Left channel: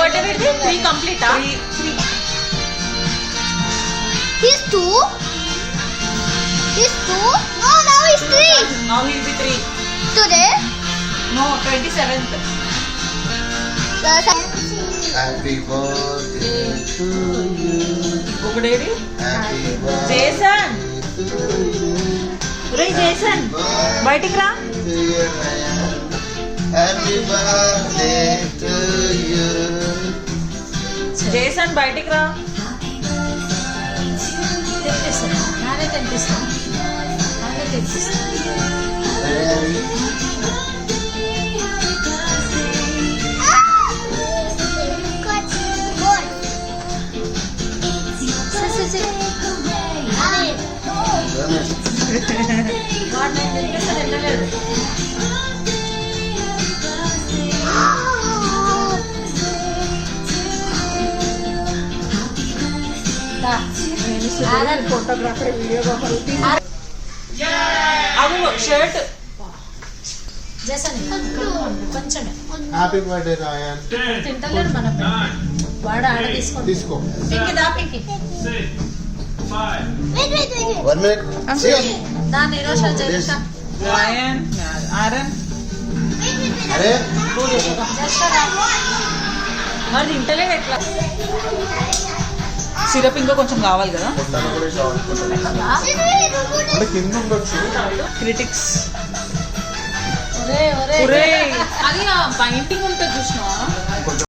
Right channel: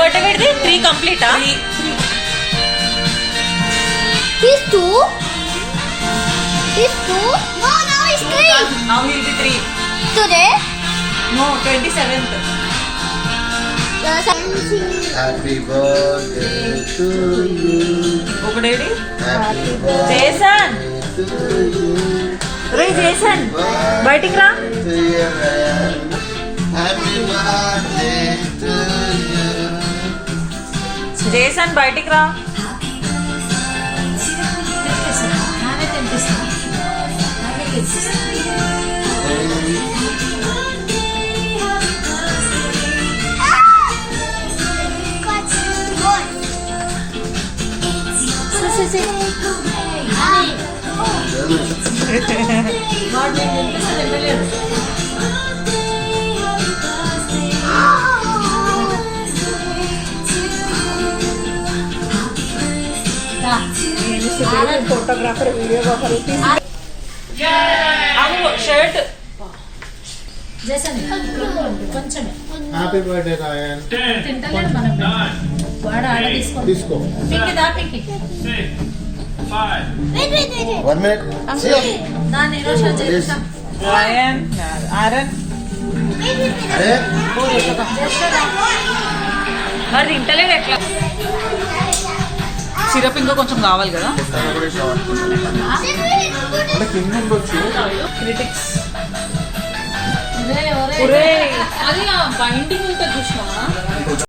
బర్త్డే పెడితే 3 కంప్లీటా? He's 2. He's 2. No, now he's 3. Now he'll be 3. Today? No, 27th. Happy birthday to you. ఒకడేడి? Happy birthday Jason. to you. రే జేసన్ బయటికి రా. To you, man. Happy birthday to you. Jason బయటికి రా. Photographer videographer అవు షర్ట్. కొంచెమే happy birthday రాయన్. తింటలేడు మనం వాడు ఆడ తీసుకో. పింకి దా పింకి Wait. 1 minute. See? దాన్ని ఈరోజు Please. రాయన్ ఆరన్ అరే మరి తింటలేడు ఎట్లా? సిరప్ ఇంకా కొంచెం కావాలి కదా. పొట్టాను కూడా కావాలి. అంటే పింగ్ ఉండొచ్చు. క్రిటిక్స్ ఒరే ఒరే అది బైండింగ్ ఉంటుంది చూసినా